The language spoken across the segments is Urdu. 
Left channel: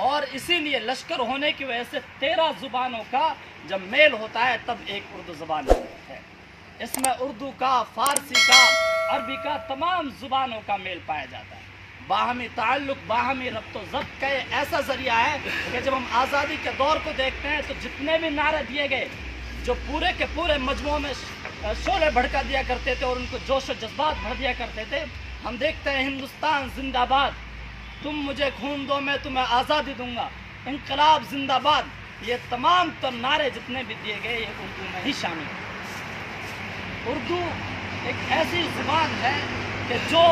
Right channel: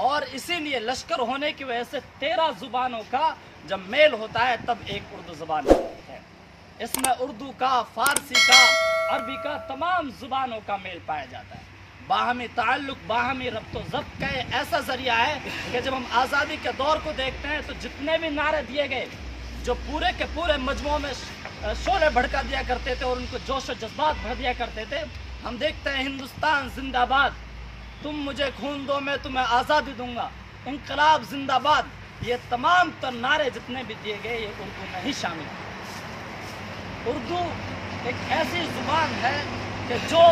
اور اسی لیے لشکر ہونے کی وجہ سے 13 زبانوں کا جب میل ہوتا ہے تب ایک اردو زبان ہے۔ اس میں اردو کا، فارسی کا، عربی کا، تمام زبانوں کا میل پایا جاتا ہے۔ باہمی تعلق، باہمی ربط و ضبط کا یہ ایسا ذریعہ ہے کہ جب ہم آزادی کے دور کو دیکھتے ہیں تو جتنے بھی نعرے دیے گئے جو پورے کے پورے مجموعوں میں شعلے بھڑکا دیا کرتے تھے اور ان کو جوش و جذبات بھر دیا کرتے تھے، ہم دیکھتے ہیں ہندوستان زندہ باد، تم مجھے خون دو میں تمہیں آزادی دوں گا، انقلاب زندہ باد، یہ تمام تر نعرے جتنے بھی دیے گئے یہ اردو میں ہی شامل ہیں۔ اردو ایک ایسی زبان ہے کہ جو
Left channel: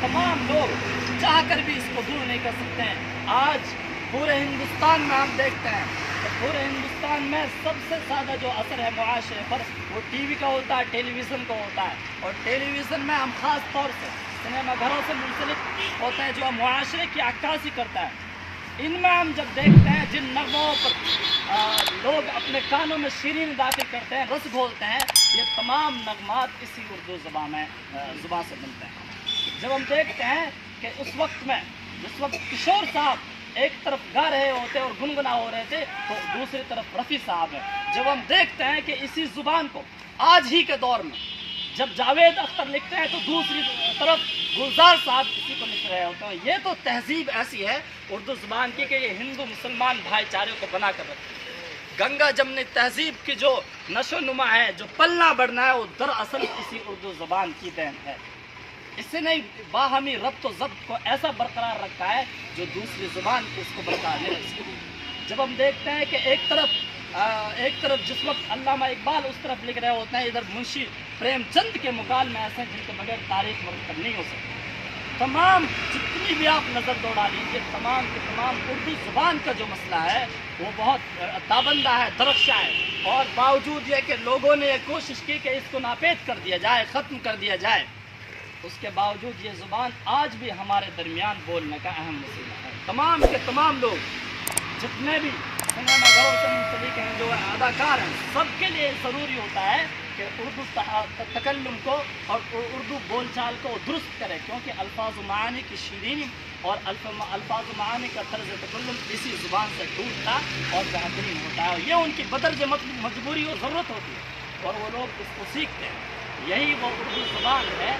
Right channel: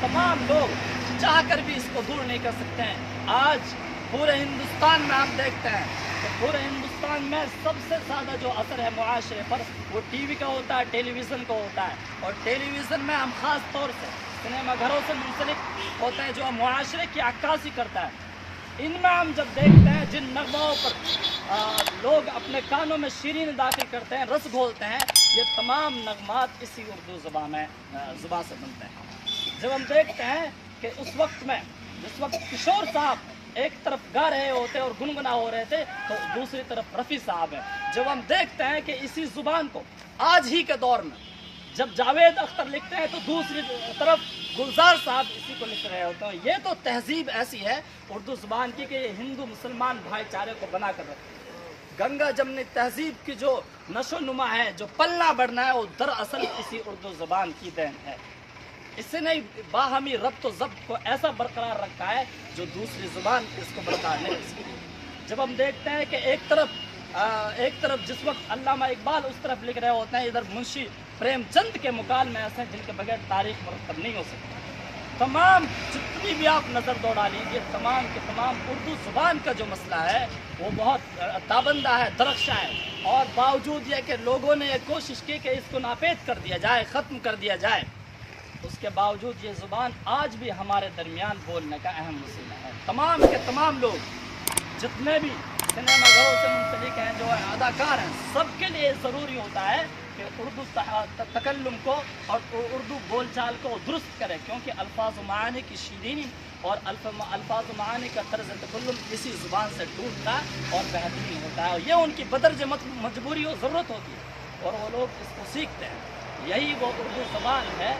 تمام لوگ چاہ کر بھی اس کو دور نہیں کر سکتے ہیں۔ آج پورے ہندوستان میں ہم دیکھتے ہیں کہ پورے ہندوستان میں سب سے زیادہ جو اثر ہے معاشرے پر وہ ٹی وی کا ہوتا ہے، ٹیلی ویژن کا ہوتا ہے، اور ٹیلی ویژن میں ہم خاص طور سے سنیما گھروں سے منسلک ہوتا ہے جو معاشرے کی عکاسی کرتا ہے۔ ان میں ہم جب دیکھتے ہیں جن نغموں پر لوگ اپنے کانوں میں شیرین داخل کرتے ہیں، رس گھولتے ہیں، یہ تمام نغمات اسی اردو زبان سے بنتے ہیں۔ جب ہم دیکھتے ہیں کہ اس وقت میں جس وقت کشور صاحب ایک طرف گا رہے ہوتے اور گنگنا ہو رہے تھے تو دوسری طرف رفیع صاحب ہیں، جب ہم دیکھتے ہیں کہ اسی زبان کو آج ہی کے دور میں جب جاوید اختر لکھتے ہیں تو دوسری طرف گلزار صاحب اسی کو لکھ رہے ہوتے ہیں۔ یہ تو تہذیب ایسی ہے اردو زبان کی کہ یہ ہندو مسلمان بھائی چارے کو بنا کر رکھتی ہے۔ گنگا جمنی تہذیب کی جو نشو و نما ہے، جو پلنا بڑھنا ہے، وہ دراصل اسی اردو زبان کی دین ہے۔ اس نے باہمی ربط و ضبط کو ایسا برقرار رکھا ہے جو دوسری زبان اس کو برقرار نہیں رکھ سکتی۔ جب ہم دیکھتے ہیں کہ ایک طرف جس وقت علامہ اقبال اس طرف لکھ رہے ہوتے ہیں، ادھر منشی پریم چند کے مکالمے ایسے ہیں جن کے بغیر تاریخ مرتب نہیں ہو سکتی۔ تمام جتنی بھی آپ نظر دوڑا لیجیے، تمام کے تمام اردو زبان کا جو مسئلہ ہے وہ بہت تابندہ ہے، درخشاں ہے، اور باوجود یہ کہ لوگوں نے یہ کوشش کی کہ اس کو ناپید کر دیا جائے، ختم کر دیا جائے، اس کے باوجود یہ زبان آج بھی ہمارے درمیان بولنے کا اہم وسیلہ ہے۔ تمام کے تمام لوگ جتنے بھی سنیما گھروں سے منسلک ہیں، جو اداکار ہیں، سب کے لیے ضروری ہوتا ہے کہ اردو تکلم کو اور اردو بول چال کو درست کرے، کیونکہ الفاظ و معانی کی شیرینی اور الفاظ و معانی کا طرز تکلم اسی زبان سے ٹوٹتا اور بہترین ہوتا ہے، اور یہ ان کی بدرج مجبوری اور ضرورت ہوتی ہے اور وہ لوگ اس کو سیکھتے ہیں۔ یہی وہ اردو زبان ہے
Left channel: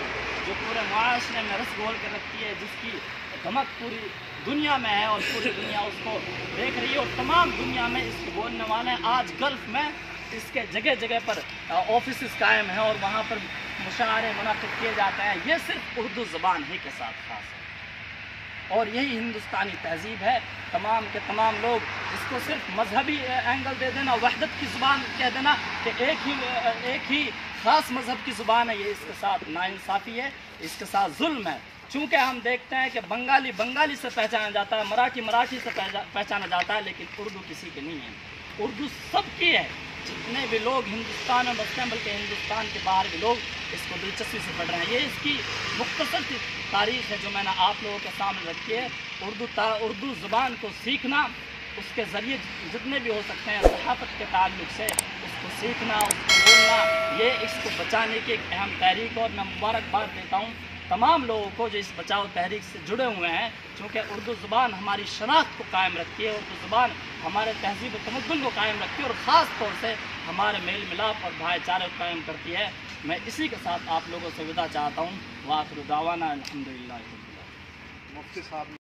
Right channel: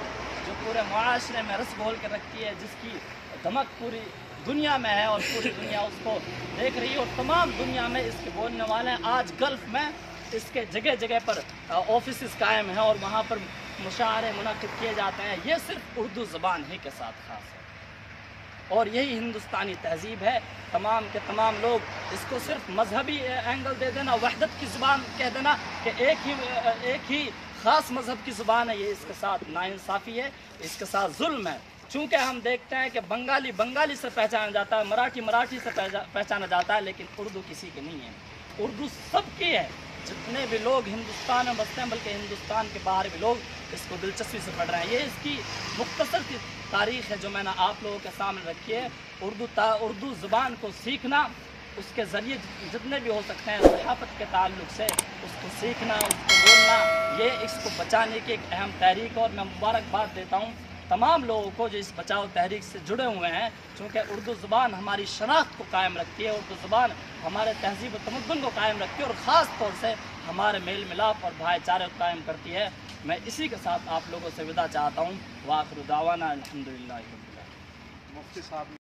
جو پورے معاشرے میں رس گھول کر رکھتی ہے، جس کی دھمک پوری دنیا میں ہے اور پوری دنیا اس کو دیکھ رہی ہے، اور تمام دنیا میں اس کو بولنے والے ہیں۔ آج گلف میں اس کے جگہ جگہ پر آفیسز قائم ہیں اور وہاں پر مشاعرے منعقد کیے جاتے ہیں۔ یہ صرف اردو زبان ہی کے ساتھ خاص ہے، اور یہی ہندوستانی تہذیب ہے۔ تمام کے تمام لوگ اس کو صرف مذہبی اینگل دے دینا، وحدت کی زبان کہہ دینا کہ ایک ہی خاص مذہب کی زبان ہے، یہ اس کے ساتھ ناانصافی ہے، اس کے ساتھ ظلم ہے۔ چونکہ ہم دیکھتے ہیں کہ بنگالی بنگالی سے پہچانا جاتا ہے، مراٹھی مراٹھی سے پہچانا جاتا ہے، لیکن اردو کسی کی نہیں ہے۔ اردو سب کی ہے، جتنے بھی لوگ ہندوستان میں بستے ہیں، بلکہ ہندوستان کے باہر بھی لوگ اس کو دلچسپی سے پڑھ رہے ہیں۔ یہ اس کی مختصر سی تاریخ ہے جو میں نے آپ لوگوں کے سامنے رکھی ہے۔ اردو زبان کو سیکھنا، اس کے ذریعے جتنے بھی ہو سکتے ہیں صحافت کے تعلق سے اس کو سیکھنا، اس کو بولنا، یہ اس کو بچانے کی ایک اہم تحریک، اور میں مبارکباد دیتا ہوں تمام لوگوں کو جو اس بچاؤ تحریک سے جڑے ہوئے ہیں، چونکہ اردو زبان ہماری شناخت کو قائم رکھتی ہے، اردو زبان ہمارے تہذیب و تمدن کو قائم رکھتی ہے، اور خاص طور سے ہمارے میل ملاپ اور بھائی چارے قائم کرتی ہے۔ میں اسی کے ساتھ آپ لوگوں سے وداع چاہتا ہوں۔ وآخر دعوانا الحمدللہ۔ مفتی صاحب